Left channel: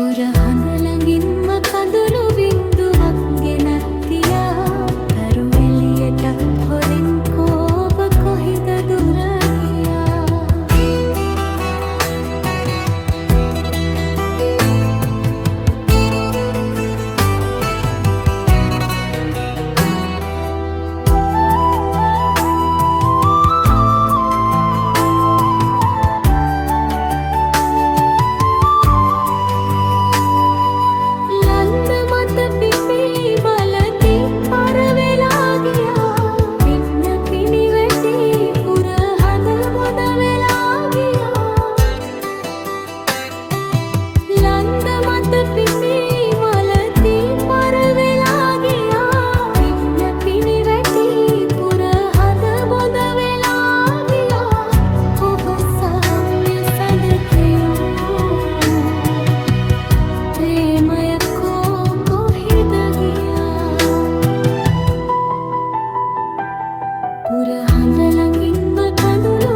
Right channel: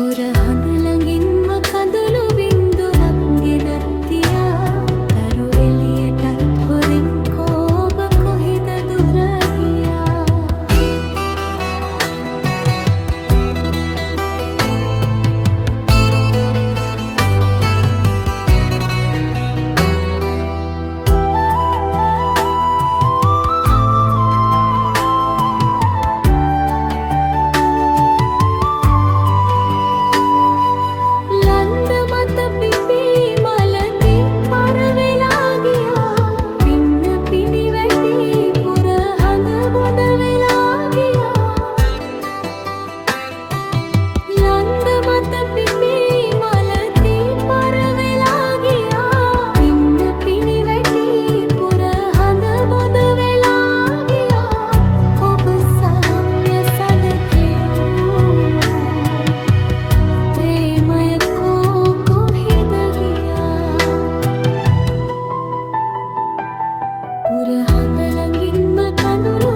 පුරහඳ ළඟින්ම කඳුළු බින්දුවක් ගෙනත් තියා තරු එළියටත් හොරෙන් කෝබ කොහිද දුර ගියා. ලන්ද මත පිපි මලති පර වෙලා ගියා. පින්න පිණි වැටි පුරහඳ බොඳ වෙලා ගියා. ලන්ද මත පිපි මලති පර වෙලා ගියා. පින්න පිණි වැටි පුරහඳ බොඳ වෙලා ගියා. ඔබ සාම්‍ය සඳ කියූ ප්‍රේමය කොහිද ගියා. පුරහඳ ළඟින්ම කඳුළු